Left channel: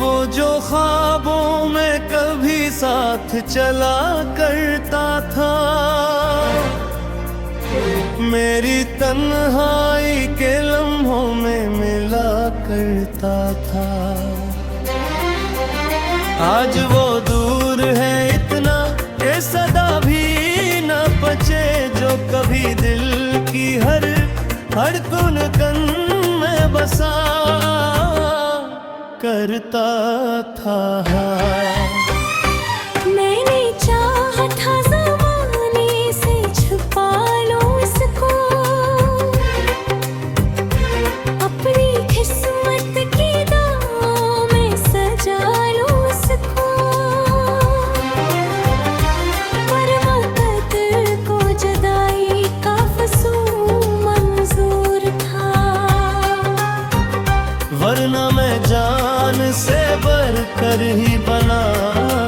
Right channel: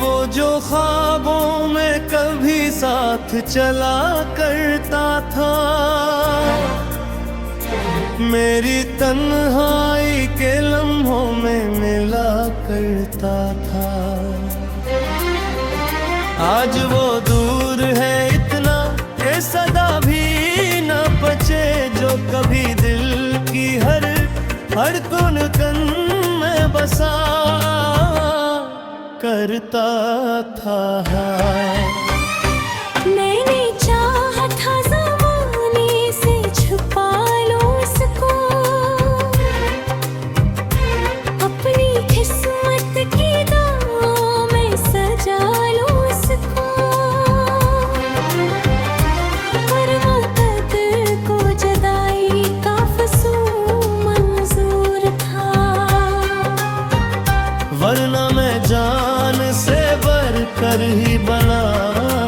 वो जो ख्वाबों में कभी साथ चला करता था, मेरी तन्हाई के लम्हों में मिला करता था। आज वो दूर है इतना ये सदा भी न बचे, जो कभी दिल की हर कुन कन में बसा करता था। मैंने चाहा था ज़माने से छुपा लो इसको, अपनी किस्मत की दाव में सजा लो इसको। पर मुक़द्दर को जुदाई का फसूल मंजूर था, वरना मैं जान से बढ़कर ही बना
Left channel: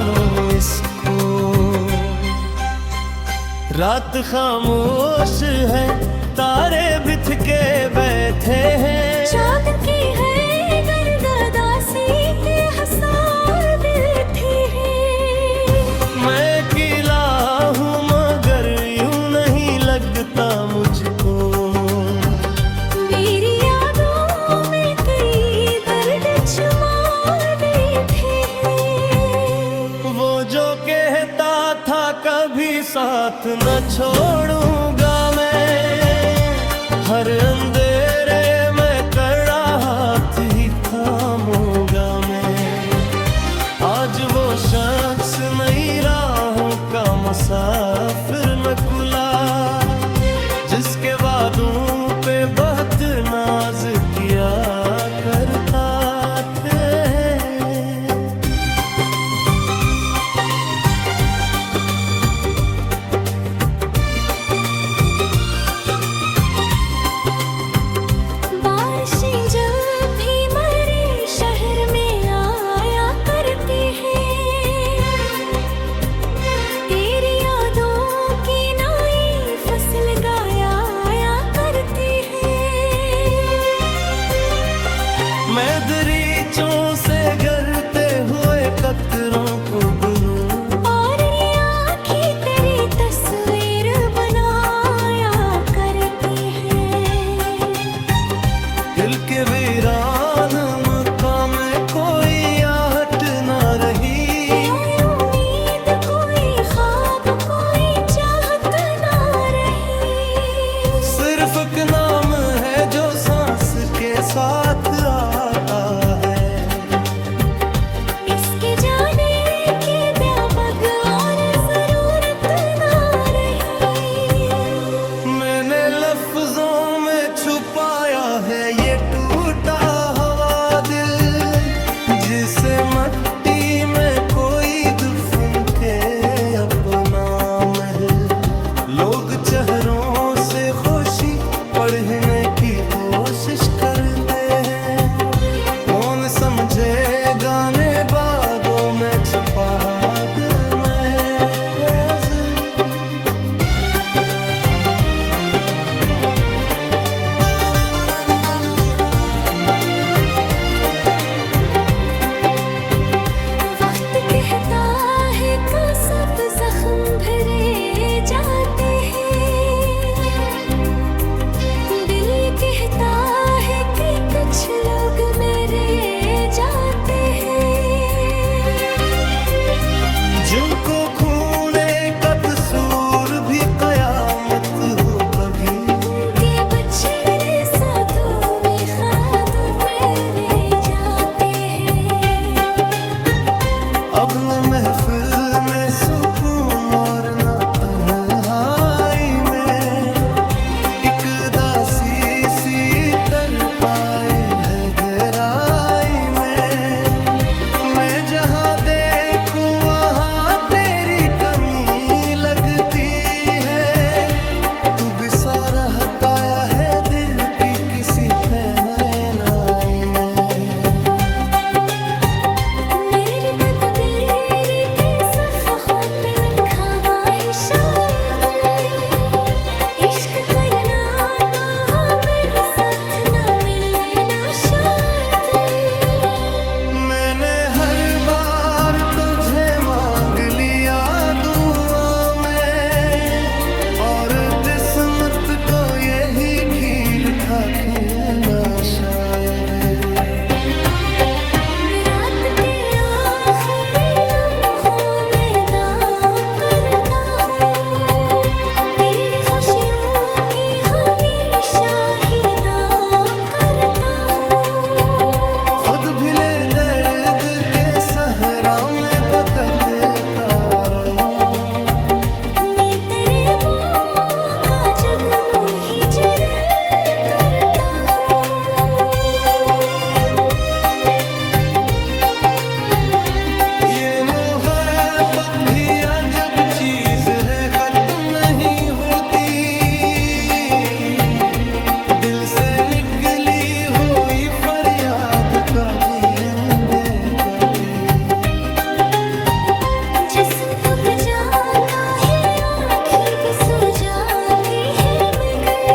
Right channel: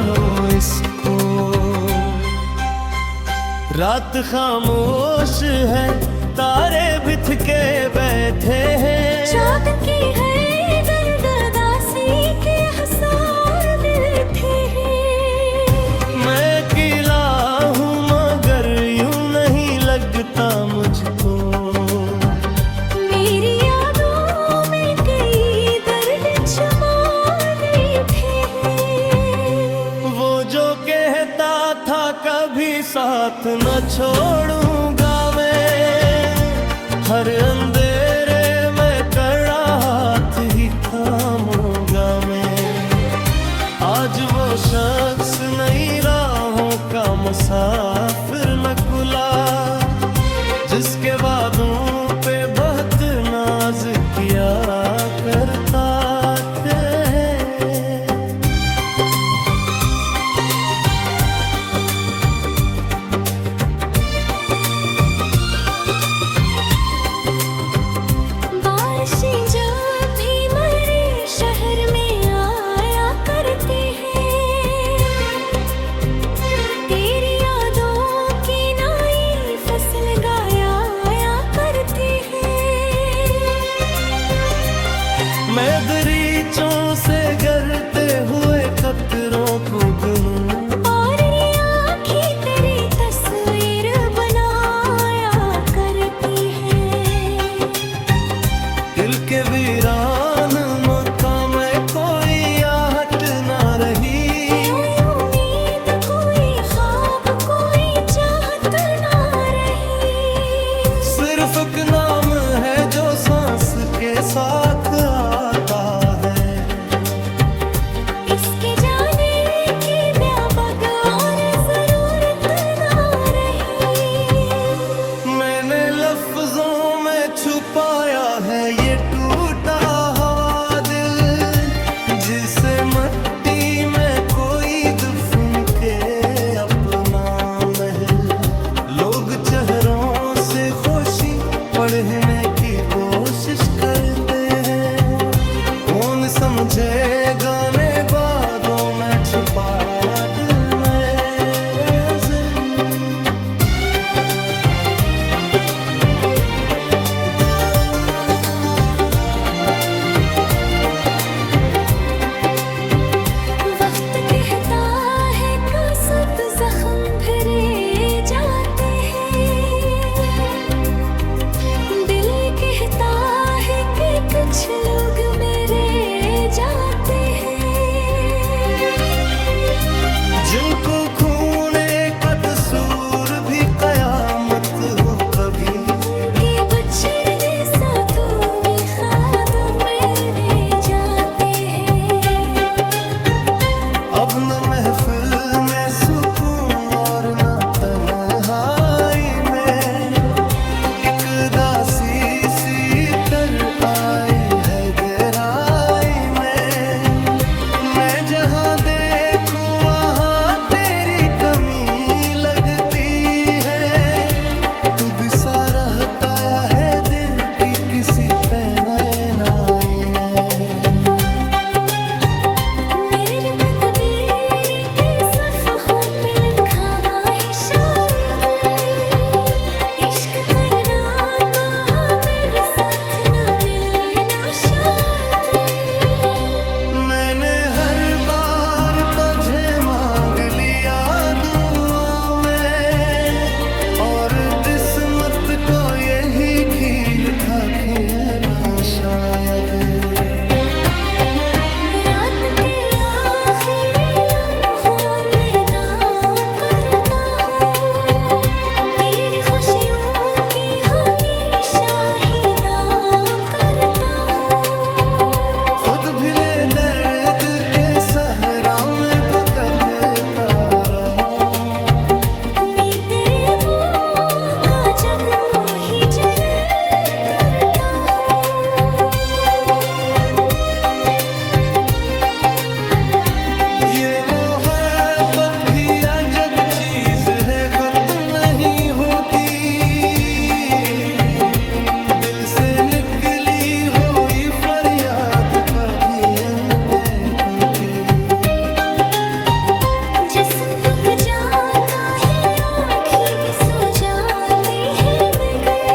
लूं इसको। रात खामोश है, तारे बिथ के बैठे हैं, चाँद की है दर्द उदासी के हसार बैठे हैं। मैं अकेला हूँ मगर यूं नहीं लगता मुझको, मेरी यादों में कई दर्द छुपा बैठे हैं। वो जो कहता था कभी साथ न छोड़ूंगा मैं, हर अंधेरे में कड़ा हाथ ही थामूंगा मैं। आज वो शख्स नई राहों का मुसाफिर नकुला, जिसके वादों पे बहुत नाज किया करता थे। बारिशें जब भी मेरे शहर में आया करती हैं, तेरी यादों की नई फसल गाया करती है। मैं दरीचों से गिरते हुए कतरों को गिनूं, और ये आँखें तेरी तस्वीर बनाया करती हैं। दिल के वीरान मकाम में कोई आहट न रही, कोई उम्मीद कोई ख्वाब कोई चाहत ना रही। सिर्फ एक नाम है जो सांस के साथ आता है। इसके जाने की व्यापक और जरूरत ना रही। मैंने लफ्जों में छुपाया है ये टूटा हुआ दिल, जिसे मट्टी में कोई दफन के अपना महल। लोग चेहरों से खुशी पढ़ने की कोशिश करते हैं, कौन समझे गाने बादों में छुपा दिल मेरे दिल। वक्त कहता है का सब जख्म भरे जाते हैं, दिल कहता है कि कुछ लोग मेरे जाते हैं। जिनको खूने का कसूर भी कयामत हो कभी, उनके बछड़े साथों में ख्वाब मेरे जाते हैं। अब न महफिल में सुकून और न तन्हाई में, एक दासी सी तर आई है गहराई में। मैं जहाँ देखूं वहाँ तेरी कमी लगती है, तू बिसा रहताया है दिल की किसी पे नैनाई में। मेरी तकदीर के सफ़हों पे लिखा हुआ है तुझे मांग लिया दुआ में, और किस्मत को यही खील था खिलना शायद। रात के आखिरी लम्हों में दावा करता हूँ, तेरी खुशियों की हमेशा ही दुआ करता हूँ। खुद भिले दर्द के सहरा में भटकता रहूं, मैं तेरे मुँह का जगनू ही जरे करता हूँ। ये मोहब्बत भी अजब चीज है, खत्म नहीं होती। दिल से निकली हुई फरियाद कभी अंदर करती। जिस्म थक जाता है, आँखें भी सो जाती है, मगर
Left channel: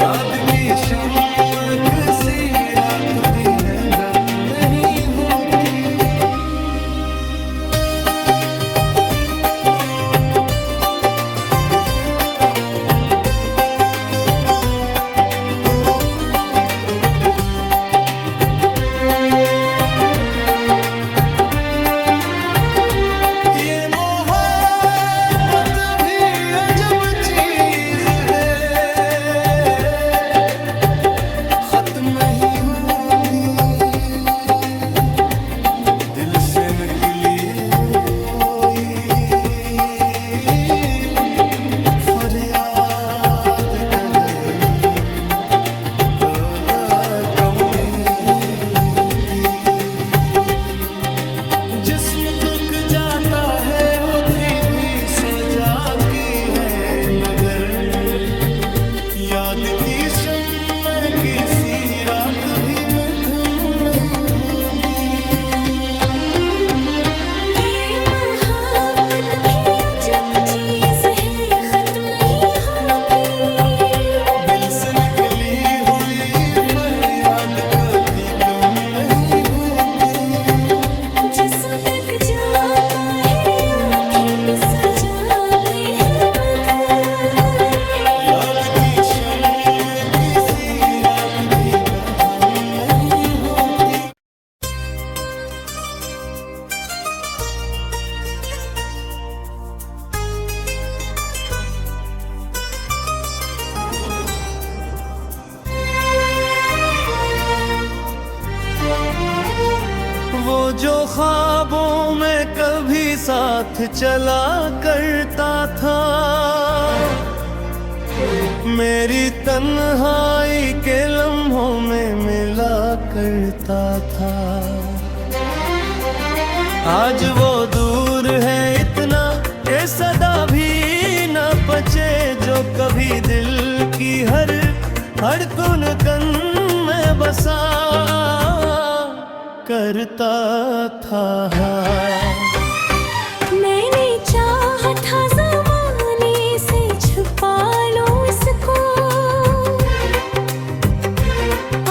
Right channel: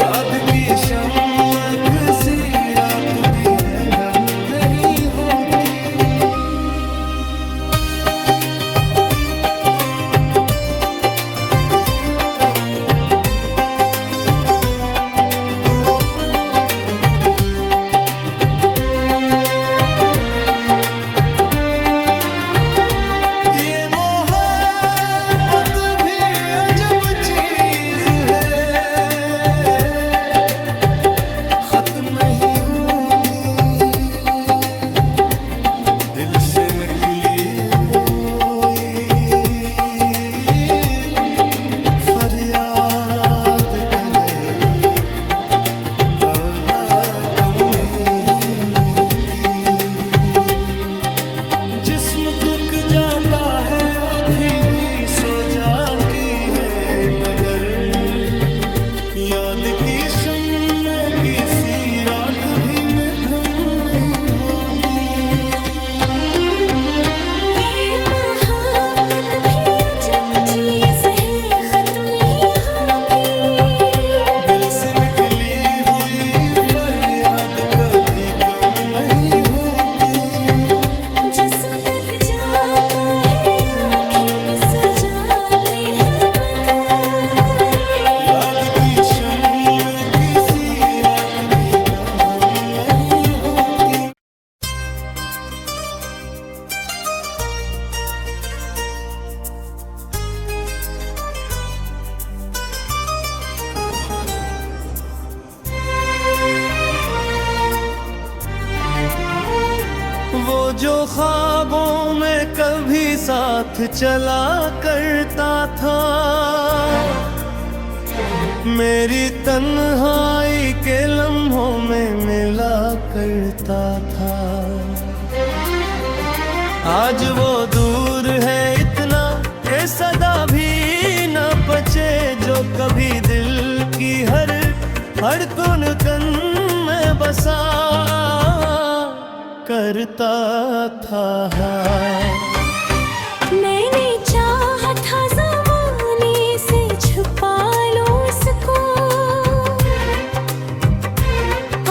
याद की शमक सी रात भी है जब नहीं होती। ये मोहब्बत भी अजब चीज है, खत्म नहीं होती। दिल से निकली हुई फरियाद कलही कम ही होती। जिस्म तुक जाता है, होती भी सो जाती है, मगर याद की शम्मे किसी रात भी मिधुम नहीं होती। ये मोहब्बत भी अजब चीज है, खत्म नहीं होती। दिल से निकली हुई फरियाद कभी कम नहीं होती। जिस्म तक जाता है, आँखें भी सो जाती है, मगर याद की शम्मे किसी रात भी बंधम नहीं होती। वो जो ख्वाबों में कभी साथ चला करता था, मेरी तन्हाई के लम्हों में मिला करता था। आज वो दूर है इतना, ये सदा भी न बचे, जो कभी दिल की हर धड़कन कन में बसा करता था। मैंने चाहा था ज़माने से छुपा लो इसको,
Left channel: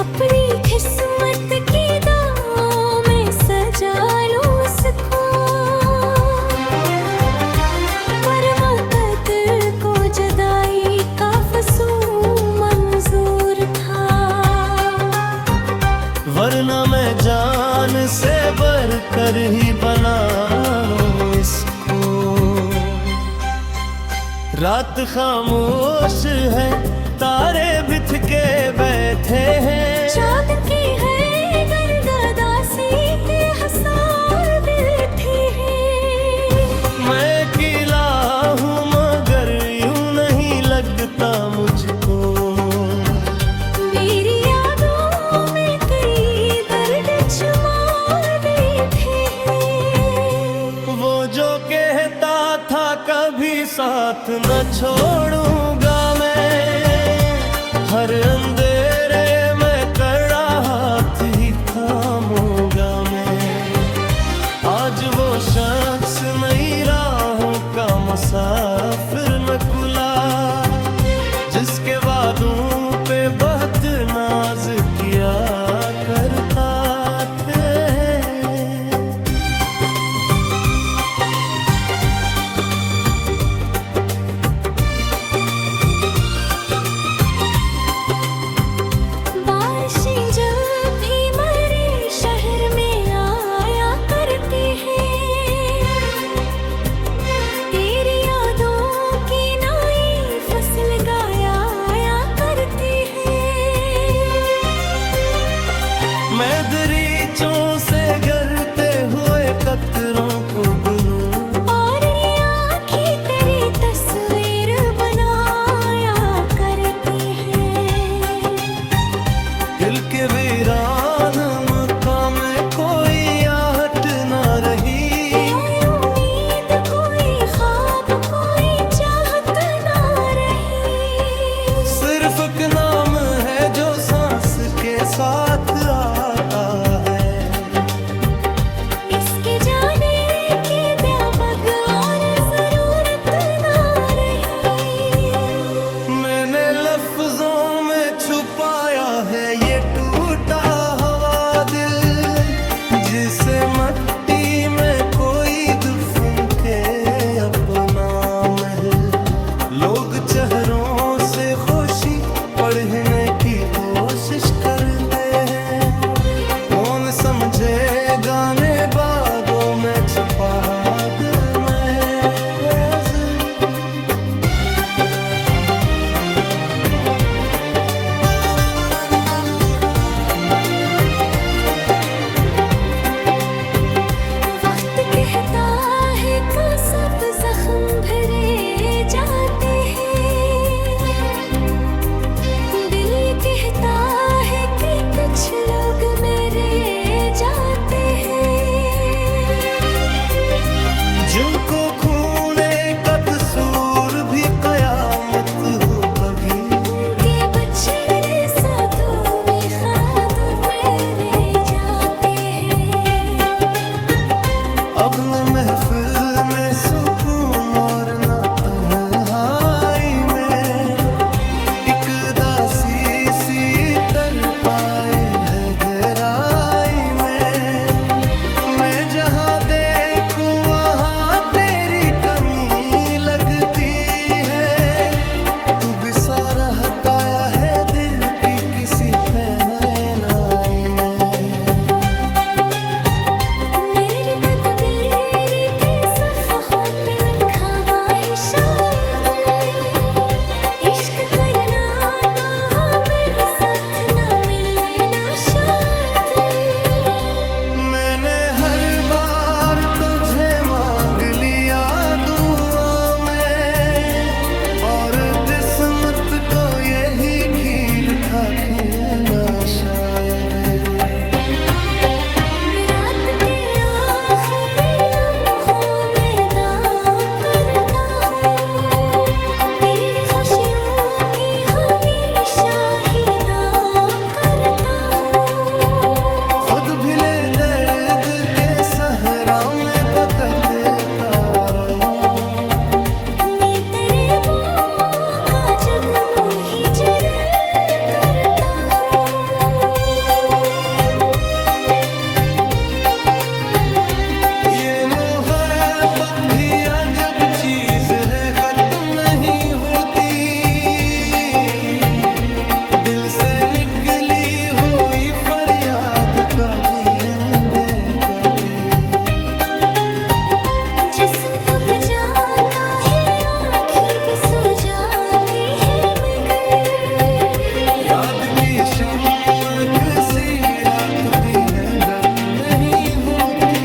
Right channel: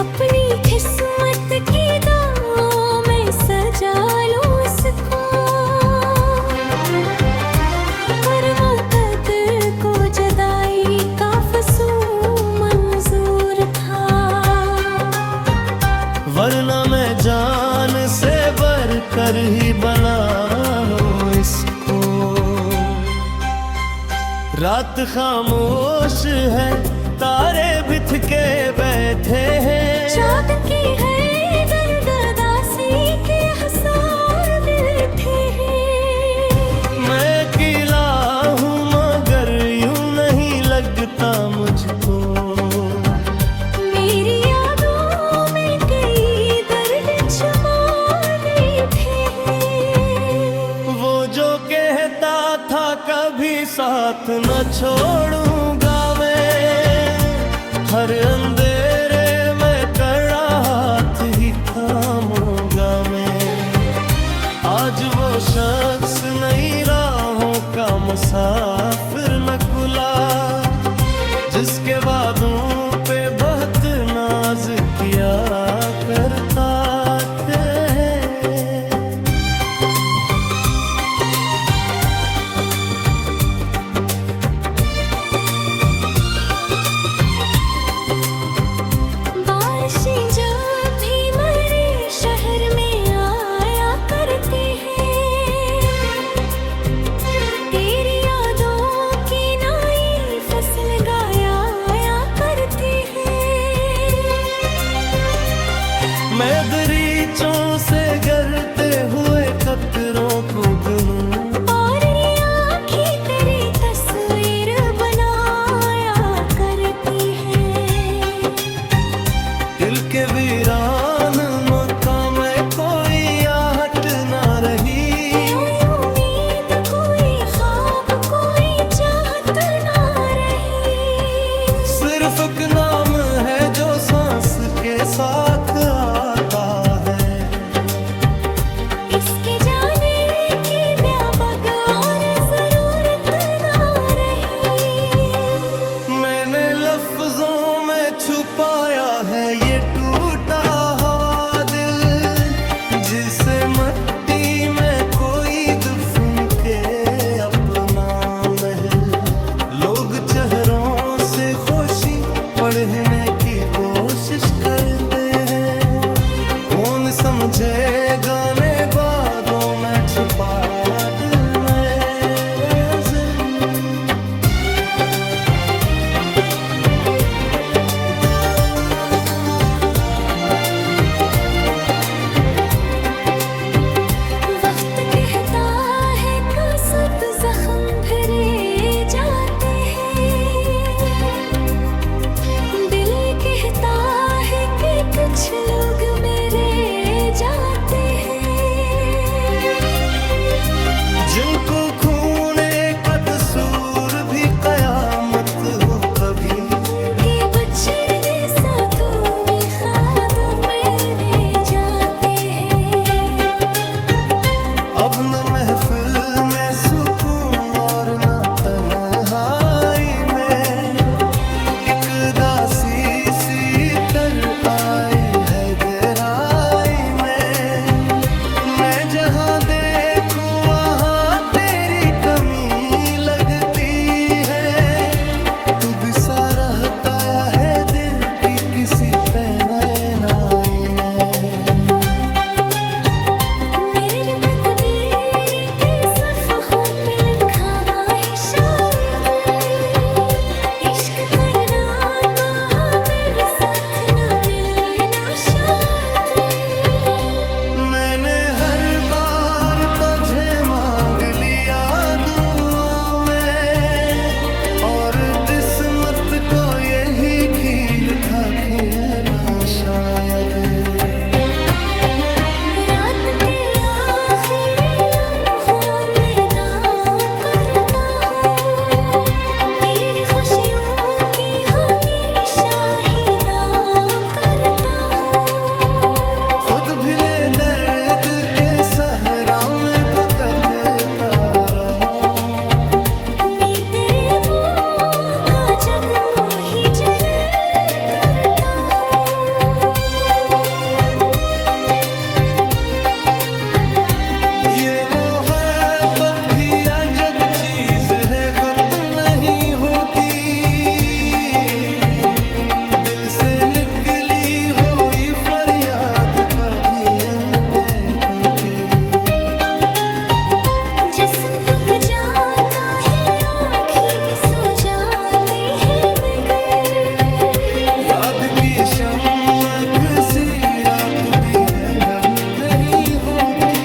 अपनी किस्मत की दाव में सजा लो इसको। पर वक़्त को जुदाई का फसूं मंजूर था, वरना मैं जान से बढ़कर ही बना लूं इसको। रात खामोश है, तारे बिथ के बैठे हैं, चाँद की है गर्दासी के हसार बैठे हैं। मैं अकेला हूँ मगर यूं नहीं लगता मुझको। मेरी यादों में कई दर्द छुपा बैठे हैं। वो जो कहता था कभी साथ न छोड़ूंगा मैं, हर अंधेरे में कड़ा हाथ ही थामूंगा मैं। आज वो शख्स नई राहों का मुसाफिर न खुला, जिसके वादों पे बहुत नाज किया करता थे। बगीचों से गिरते हुए कतरों को गिनूं, और ये आँखें तेरी तस्वीर बनाया करती हैं। दिल के वीरान मकाम में कोई आहट ना रही, कोई उम्मीद, कोई ख्वाब, कोई चाहत ना रही। सिर्फ एक नाम है जो सांस के साथ आता है। इसके जाने की व्यापक और जरूरत ना रही। मैंने लफ्जों में छुपाया है ये टूटा हुआ दिल, जिसे मट्टी में कोई दफन के अपना महल। लोग चेहरों से खुशी पढ़ने की कोशिश करते हैं, कौन समझे गाने बादों में छुपा दिल मेरे दिल। वक्त कहता है कि सब जख्म भरे जाते हैं। दिल कहता है कि कुछ लोग मेरे जाते हैं। जिनको खूने का कसूर भी कयामत हो कभी, उनके बछड़े साथों में खाद मेरे जाते हैं। अब न महफिल में सुकून और न तन्हाई में, एक दासी सी तर आई है गहराई में। मैं जहाँ देखूं वहाँ तेरी कमी लगती है, तू बिसा रहताया है दिल की किसी पैनाई में। मेरे तकदीर पे सफ़हों पे लिखा हुआ है शायद, इश्क करना तो मेरे साथ ना मिलना शायद। मैंने हर बार तुझे मांग लिया दुआ में, और किस्मत को यही खील था खिलना शायद। रात के आखिरी लम्हों में दावा करता हूँ, तेरी खुशियों की हमेशा ही दुआ करता हूँ। खुद भिले दर्द के सहरा में भटकता रहूं, मैं तेरे मुँह का जगनू ही जरे करता हूँ। ये मोहब्बत भी अजब चीज है, खत्म नहीं होती। दिल से निकली हुई फरियाद कभी अंधे करती। जिस्म थक जाता है, आँखें भी सो जाती है, मगर याद की शमक सी रात भी है दब नहीं होती।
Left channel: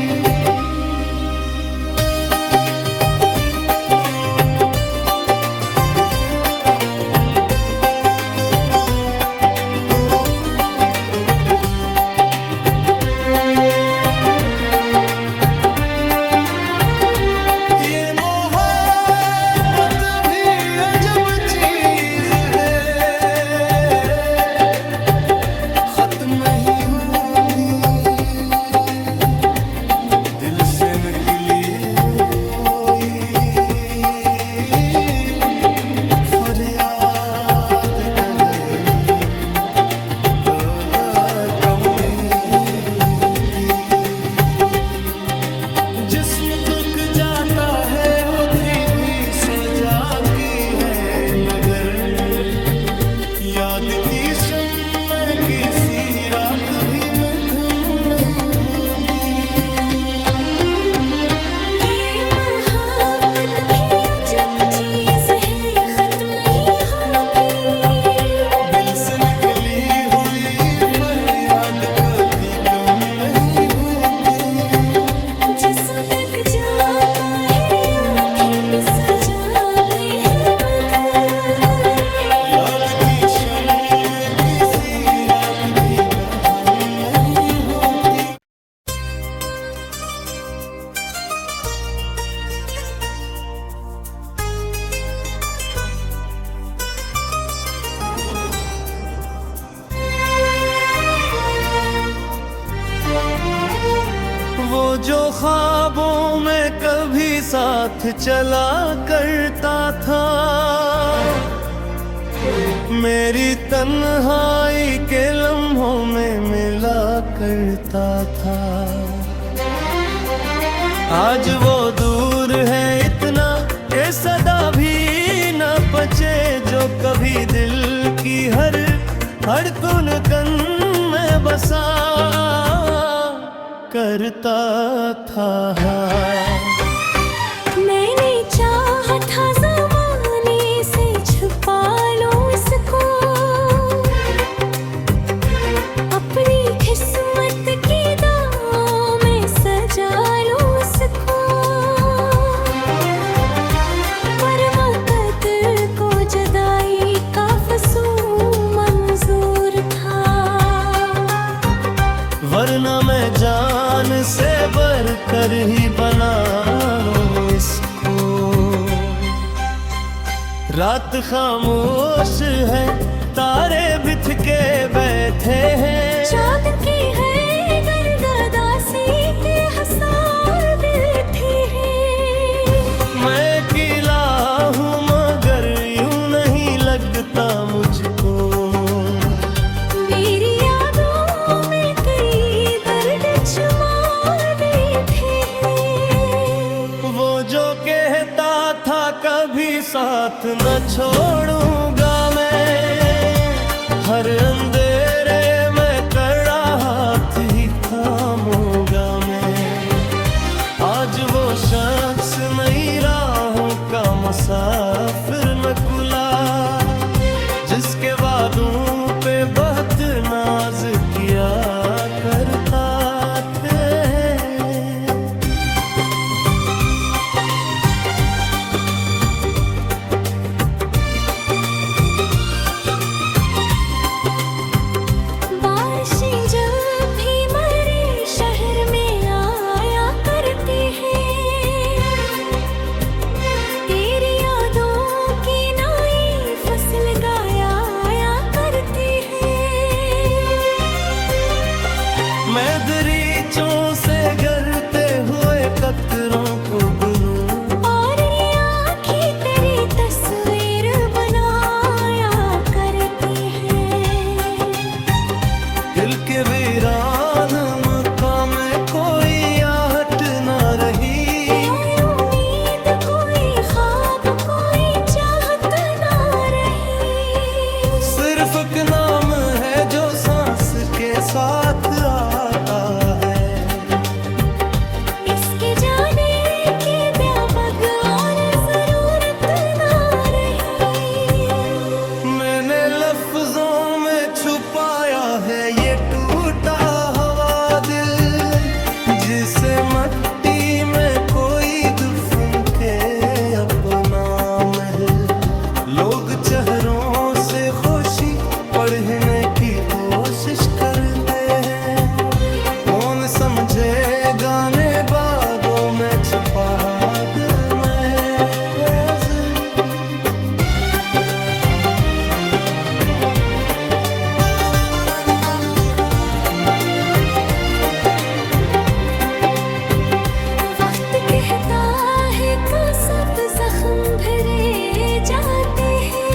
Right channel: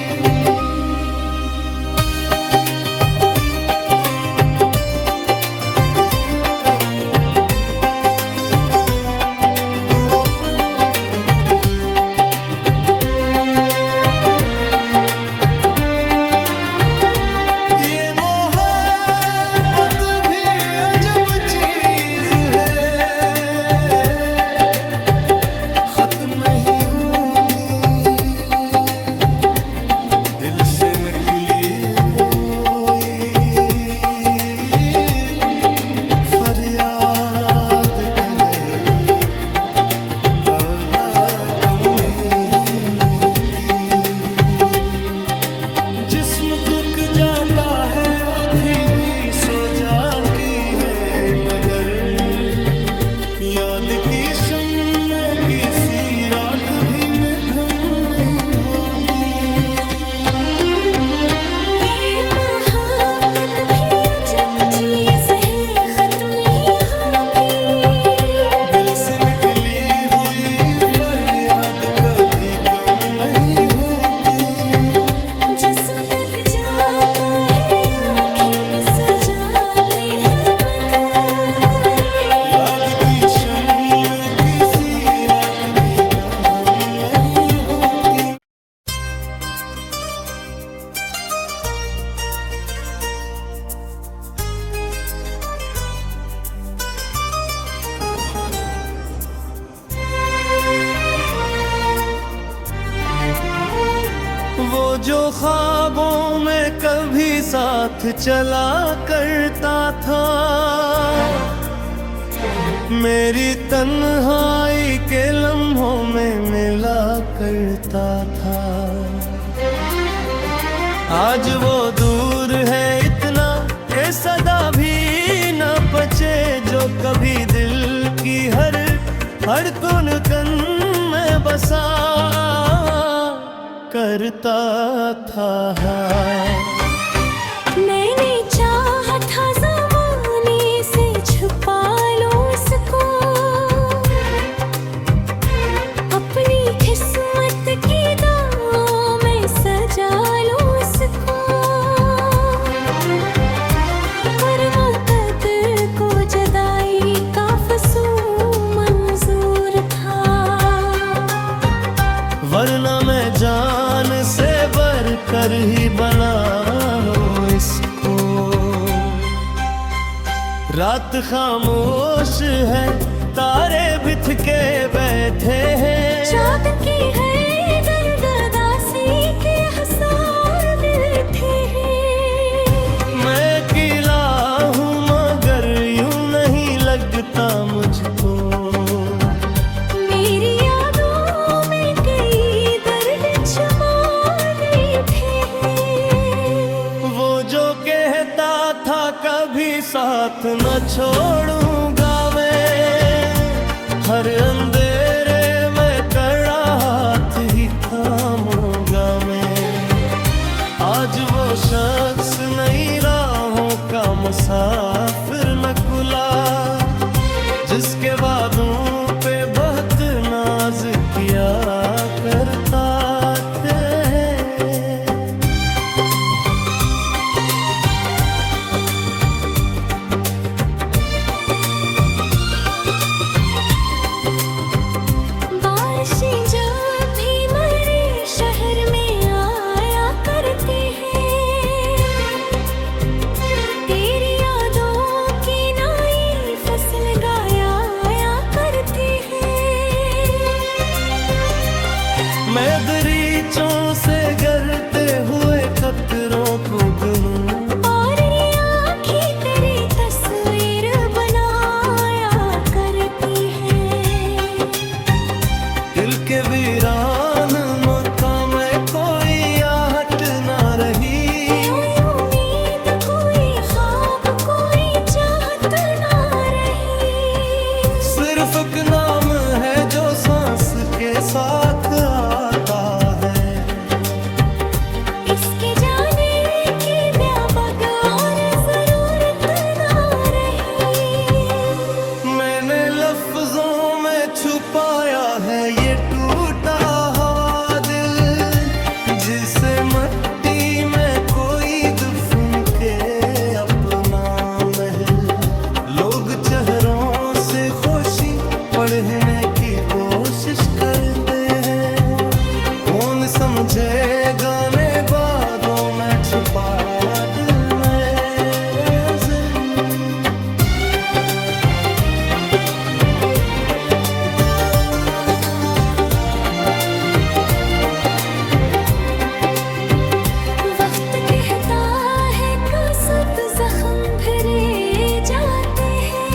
ये मोहब्बत भी अजब चीज है, खत्म नहीं होती। दिल से निकली हुई फरियाद कलही बला कम ही होती। जिस्म तुक जाता है, होती भी सो जाती है, मगर याद की शम्मे किसी रात भी मध्यम नहीं होती। ये मोहब्बत भी अजब चीज है, खत्म नहीं होती। दिल से निकली हुई पर याद कभी कम नहीं होती। जिस्म तक जाता है आँखें बिसर जाती है मगर। याद की शम्म में किसी रात भी बंधन नहीं होती। वो जो ख्वाबों में कभी साथ चला करता था, मेरी तन्हाई के लम्हों में मिला करता था। आज वो दूर है इतना ये सदा भी न पचे, जो कभी दिल की हर धड़कन कन में बसा करता था। मैंने चाहा था ज़माने से छुपा लो उसको, अपनी किस्मत की दाव में सजा लो उसको। पर मुक़द्दर को जुदाई का फसूल मंजूर था, वरना मैं जान से बढ़कर ही बनाऊं इसको। रात खामोश है, तारे बिथ के बैठे हैं, चाँद की है गर्द उदासी के हसार बैठे हैं। मैं अकेला हूँ मगर यूं नहीं लगता मुझको। मेरी यादों में कई दर्द छुपा बैठे हैं। वो जो कहता था कभी साथ न छोड़ूंगा मैं, हर अंधेरे में कड़ा हाथ ही थामूंगा मैं। आज वो शख्स नई राहों का मुसाफिर नकुला, जिसके वादों पे बहुत नाज किया करता थे। बारिशें जब भी मेरे शहर में आया करती हैं, तेरी यादों की नई फसल गाया करती है। मैं दरीचों से गिरते हुए कतरों को गिनूं, और ये आँखें तेरी तस्वीर बनाया करती हैं। दिल के वीरान मकाम में कोई आहट न रही, कोई उम्मीद कोई ख्वाब कोई चाहत ना रही। सिर्फ एक नाम है जो सांस के साथ आता है। इसके जाने की व्यापक और जरूरत ना रही। मैंने लफ्जों में छुपाया है ये टूटा हुआ दिल, जिसे मट्टी में कोई दफन के अपना महल। लोग चेहरों से खुशी पढ़ने की कोशिश करते हैं, कौन समझे गाने बादों में छुपा दिल मेरे दिल। वक्त कहता है कि सब जख्म भरे जाते हैं,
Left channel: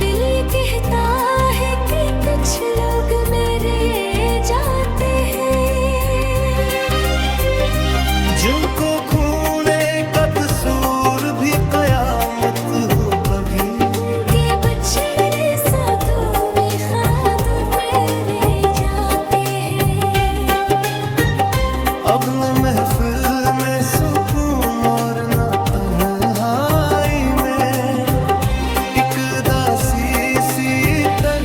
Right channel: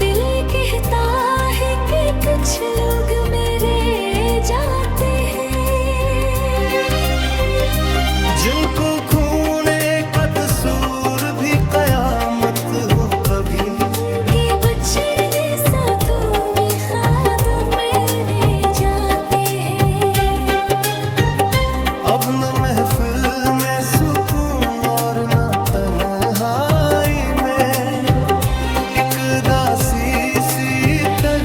दिल कहता है कि कुछ लोग मेरे जाते हैं। जिनको खूने का कसूर भी कयामत हो कभी, उनके बछड़े साथों में ख्वाब मेरे जाते हैं। अब न महफिल में सुकून और न तन्हाई में, एक दासी सी तर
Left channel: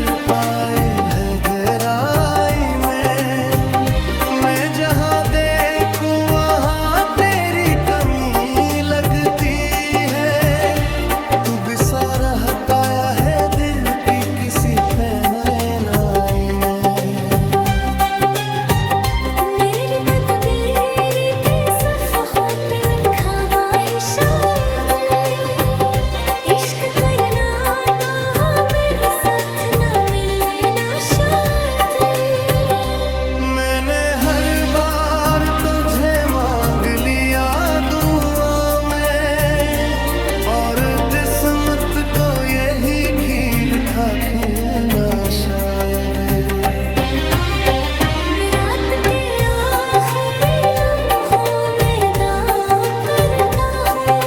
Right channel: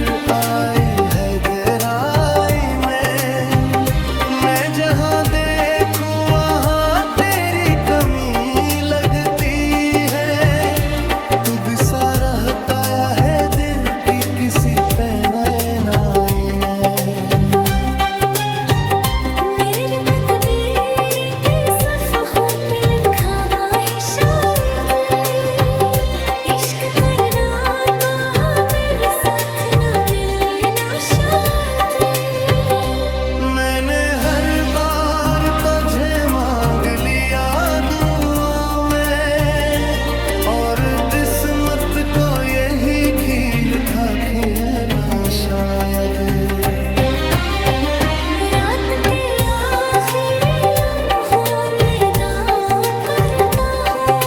तुझे मांग लिया दुआ में, और किस्मत को यही खील था खिलना शायद। रात के आखिरी लम्हों में दावा करता हूँ,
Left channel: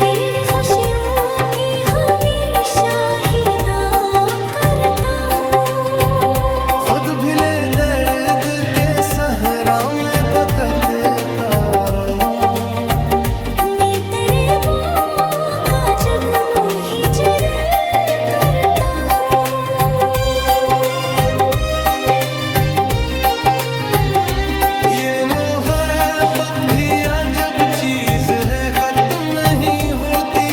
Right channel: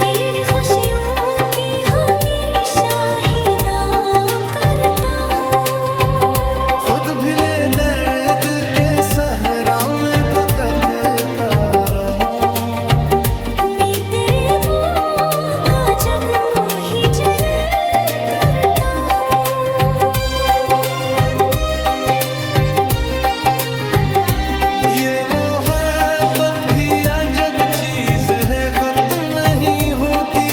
तेरी खुशियों की हमेशा ही दुआ करता हूँ। खुद भिले दर्द के सहरा में भटकता रहूं, मैं तेरे मुँह का जगनू ही जरे करता हूँ। ये मोहब्बत भी अजब चीज है, खत्म नहीं होती।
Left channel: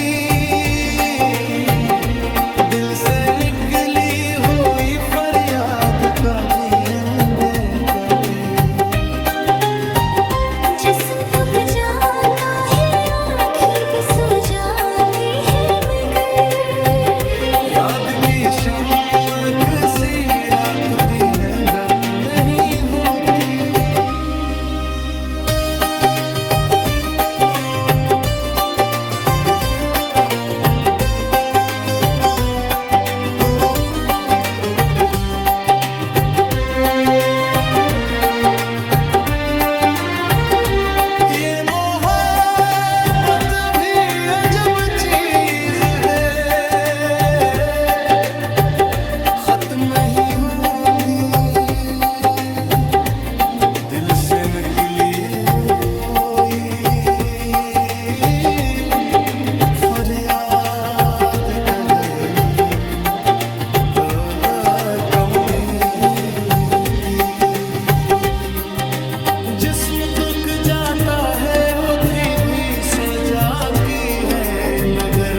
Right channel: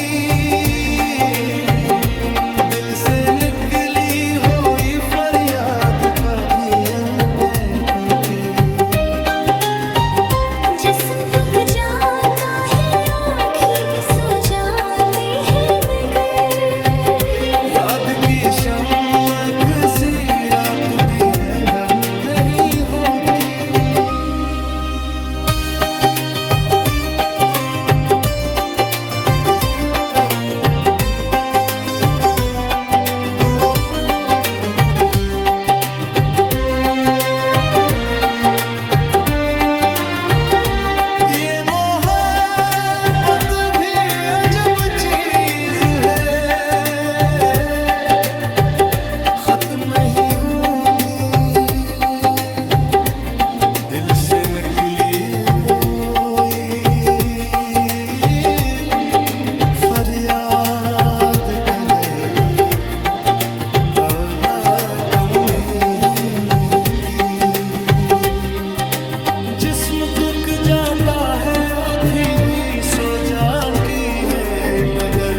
दिल से निकली हुई फरियाद कभी करती। जिस्म थक जाता है, आँखें भी सो जाती है, मगर याद की चमक सी रात भी है जब नहीं होती। ये मोहब्बत भी अजब चीज है, खत्म नहीं होती। दिल से निकली हुई फरियाद कहीं कम ही होती। जिस्म तुक जाता है, होती भी सो जाती है, मगर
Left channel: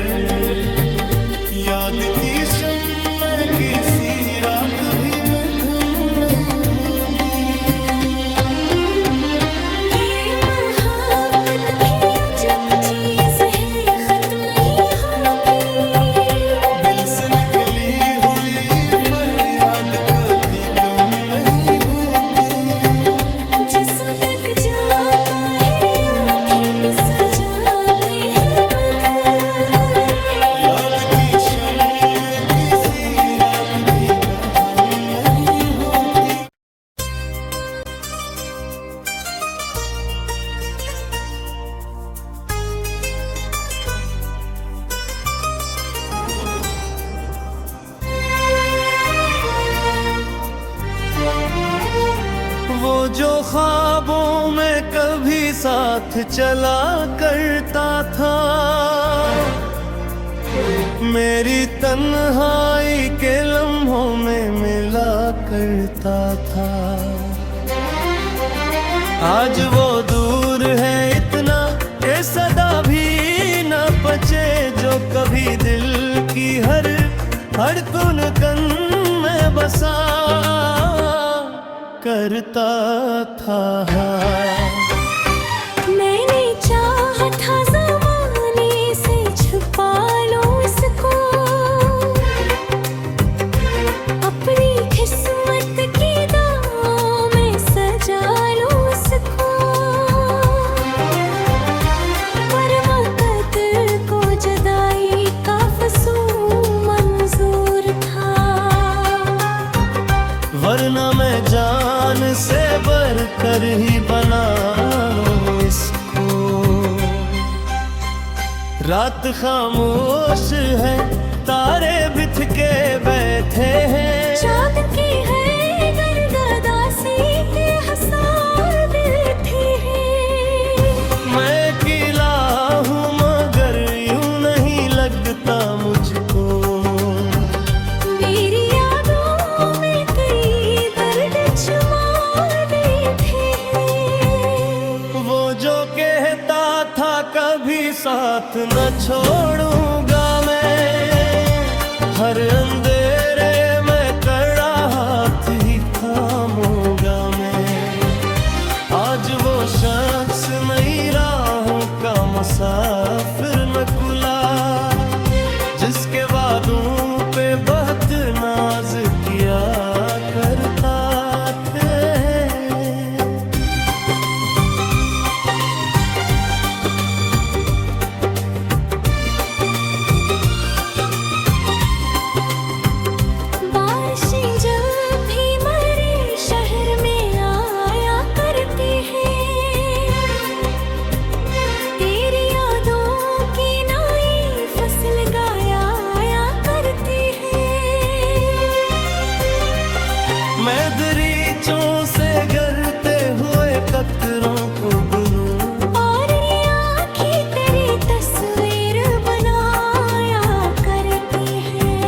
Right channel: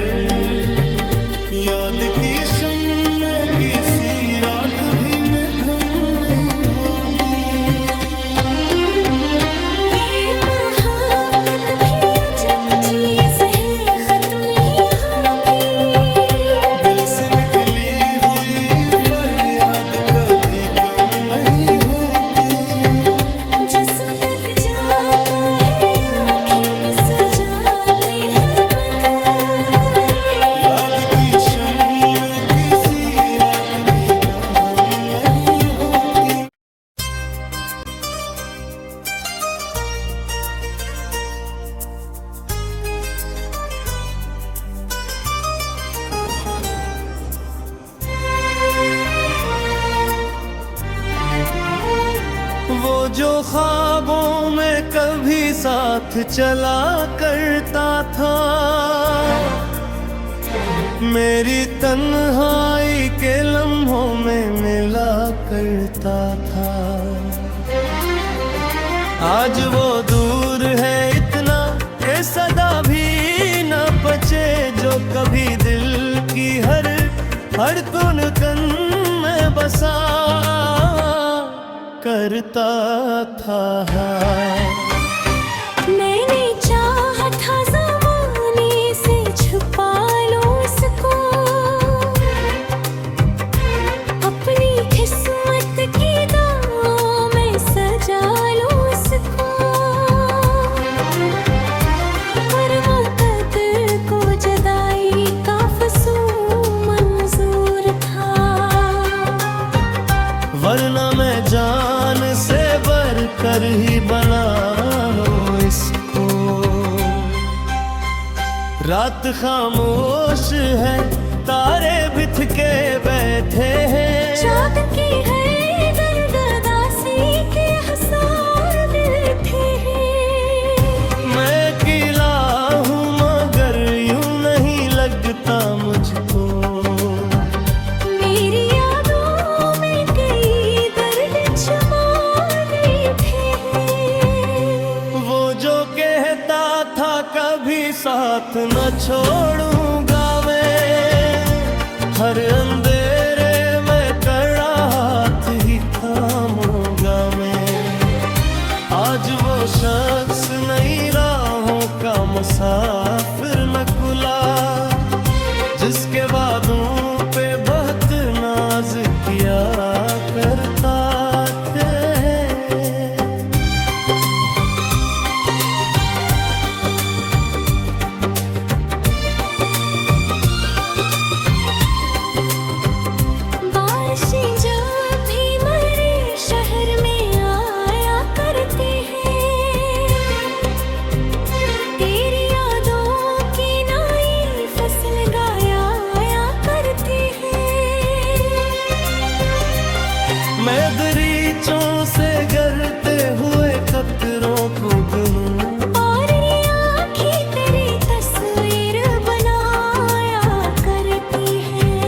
याद की शम्मे किसी रात भी मध्यम नहीं होती। ये मोहब्बत भी अजब चीज है, खत्म नहीं होती। दिल से निकली हुई फरियाद कभी कम नहीं होती। जिस्म तक जाता है, आँखें भी सो जाती है, मगर याद की शम्मे किसी रात भी बंधन नहीं होती। वो जो ख्वाबों में कभी साथ चला करता था, मेरी तन्हाई के लम्हों में मिला करता था। आज वो दूर है इतना, ये सदा भी न बचे, जो कभी दिल की हर धड़कन में बसा करता था। मैंने चाहा था ज़माने से छुपा लो इसको, अपनी किस्मत की दाव में सजा लो इसको। पर वक़्त को जुदाई का फसूल मंजूर था, वरना मैं जान से बढ़कर ही बना लूं इसको। रात खामोश है, तारे बिथ के बैठे हैं, चाँद की है गर्दासी के हसार बैठे हैं। मैं अकेला हूँ मगर यूं नहीं लगता मुझको। मेरी यादों में कई दर्द छुपा बैठे हैं। वो जो कहता था कभी साथ न छोड़ूंगा मैं, हर अंधेरे में कड़ा हाथ ही थामूंगा मैं। आज वो शख्स नई राहों का मुसाफिर नकुला, जिसके वादों पे बहुत नाज किया करता थे। बगीचों से गिरते हुए कतरों को गिनूं, और ये आँखें तेरी तस्वीर बनाया करती हैं।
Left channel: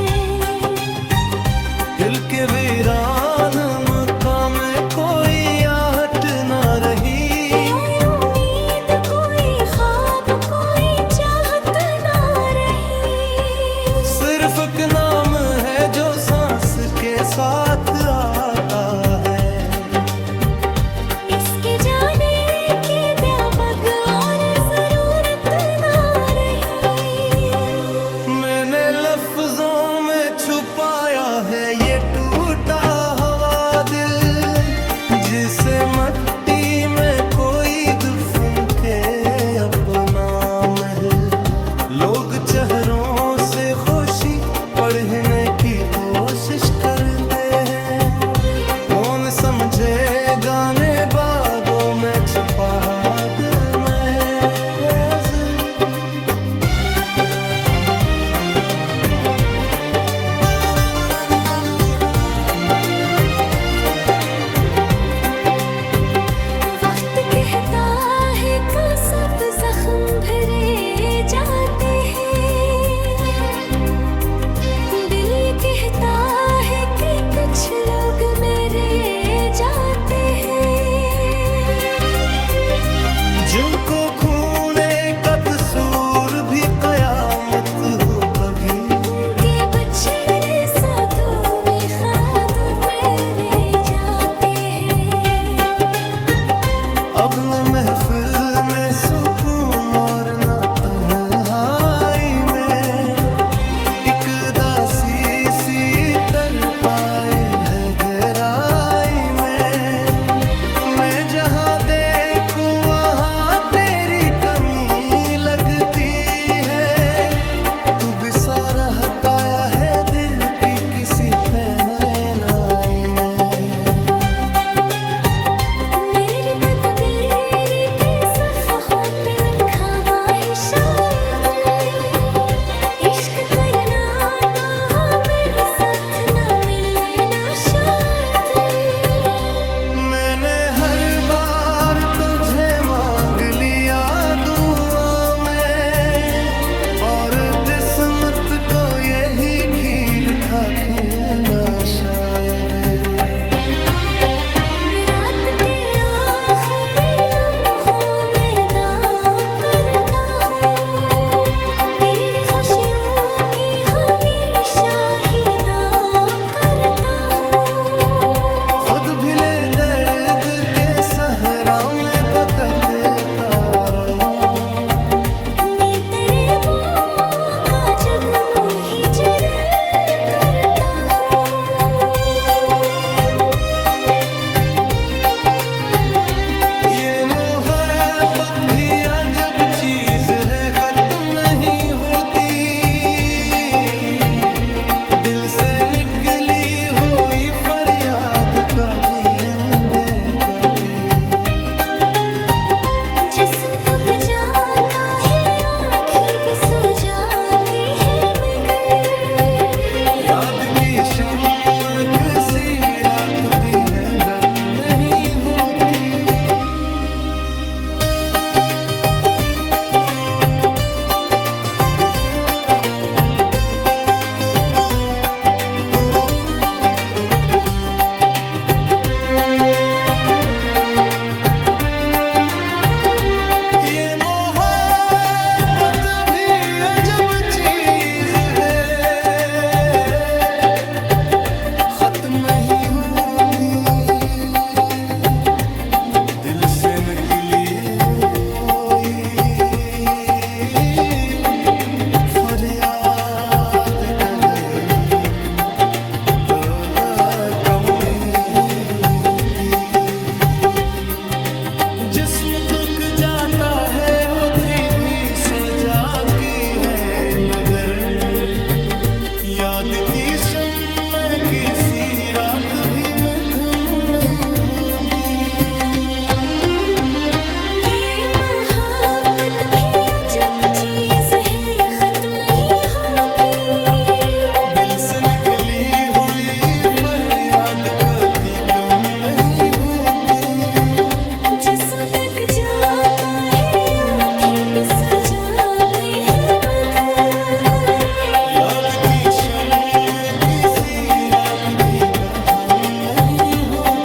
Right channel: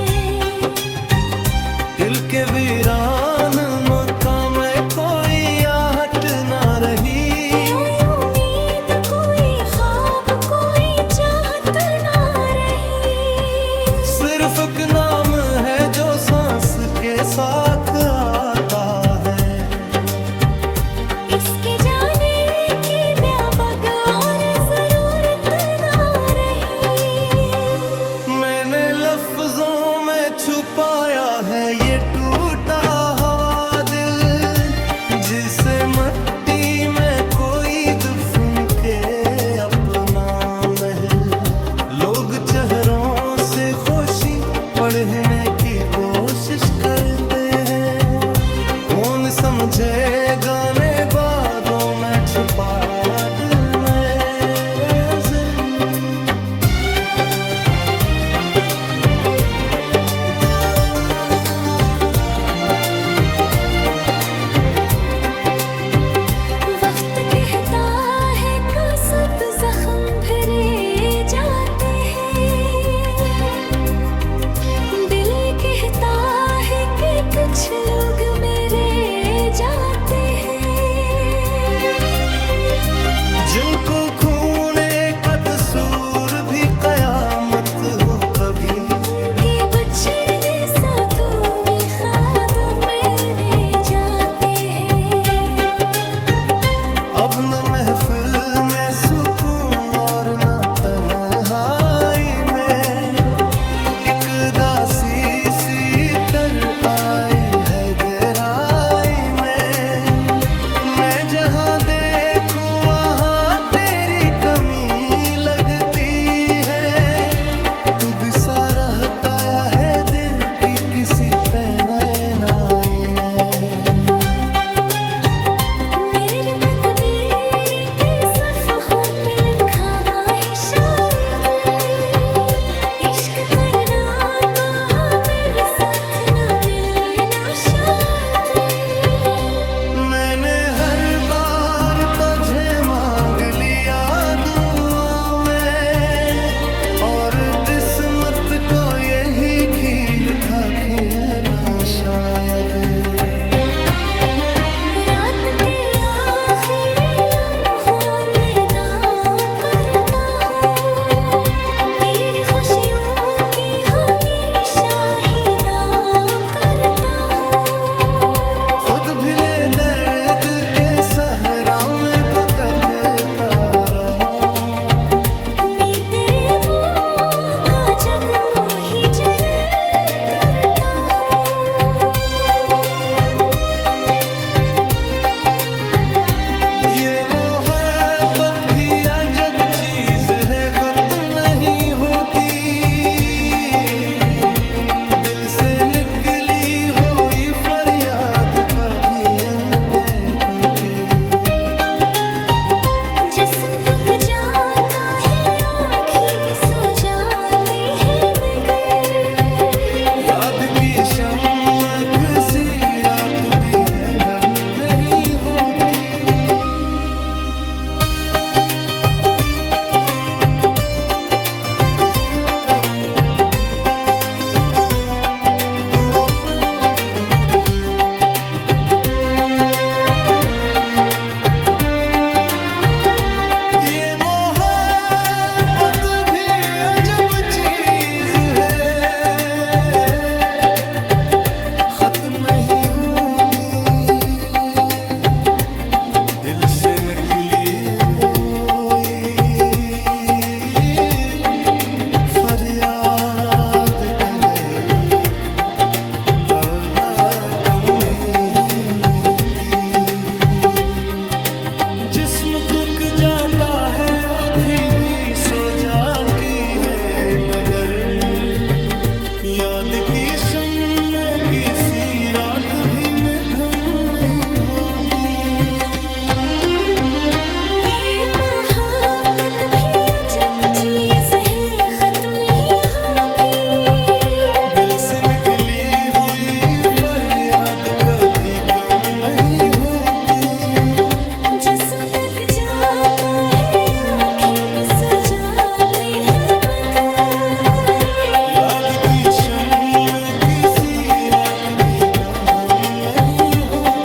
दिल के वीरान मकाम में कोई आहट ना रही, कोई उम्मीद, कोई ख्वाब, कोई चाहत ना रही। सिर्फ एक नाम है जो सांस के साथ आता है। इसके जाने की व्यापक और जरूरत ना रही। मैंने लफ्जों में छुपाया है ये टूटा हुआ दिल, जिसे मिट्टी में कोई दफन के अपना महल। लोग चेहरों से खुशी पढ़ने की कोशिश करते हैं, कौन समझे गाने बादों में छुपा दिल मेरे दिल। वक्त कहता है का सब जख्म भरे जाते हैं। दिल कहता है कि कुछ लोग मेरे जाते हैं। जिनको खूने का कसूर भी कयामत हो कभी, उनके बछड़े साथों में खाद मेरे जाते हैं। अब न महफिल में सुकून और न तन्हाई में, एक दासी सी तर आई है गहराई में। मैं जहाँ देखूं वहाँ तेरी कमी लगती है, तू बिसा रहता है दिल की किसी पैनाई में। मेरे तकदीर पे सफ़हों पे लिखा हुआ है शायद, इश्क करना तो मेरे साथ ना मिलना शायद। मैंने हर बार तुझे मांग लिया दुआ में, और किस्मत को यही खील था खिलना शायद। रात के आखिरी लम्हों में दावा करता हूँ, तेरी खुशियों की हमेशा ही दुआ करता हूँ। खुद भिले दर्द के सहरा में भटकता रहूं, मैं तेरे मुँह का जगनू ही जरे करता हूँ। ये मोहब्बत भी अजब चीज है, खत्म नहीं होती। दिल से निकली हुई फरियाद कभी अनदेखी। जिस्म थक जाता है, आँखें भी सो जाती है, मगर याद की चमक सी रात भी है जब नहीं होती। ये मोहब्बत भी अजब चीज है, खत्म नहीं होती। दिल से निकली हुई फरियाद कहीं कम ही होती। जिस्म तुक जाता है, होती भी सो जाती है, मगर याद की शम्मे किसी रात भी मिधुम नहीं होती। ये मोहब्बत भी अजब चीज है, खत्म नहीं होती। दिल से निकली हुई फरियाद कभी कम नहीं होती। जिस्म तक जाता है आँखें भी सजाती है मगर। याद की शम्म में किसी रात भी बंधन नहीं होती।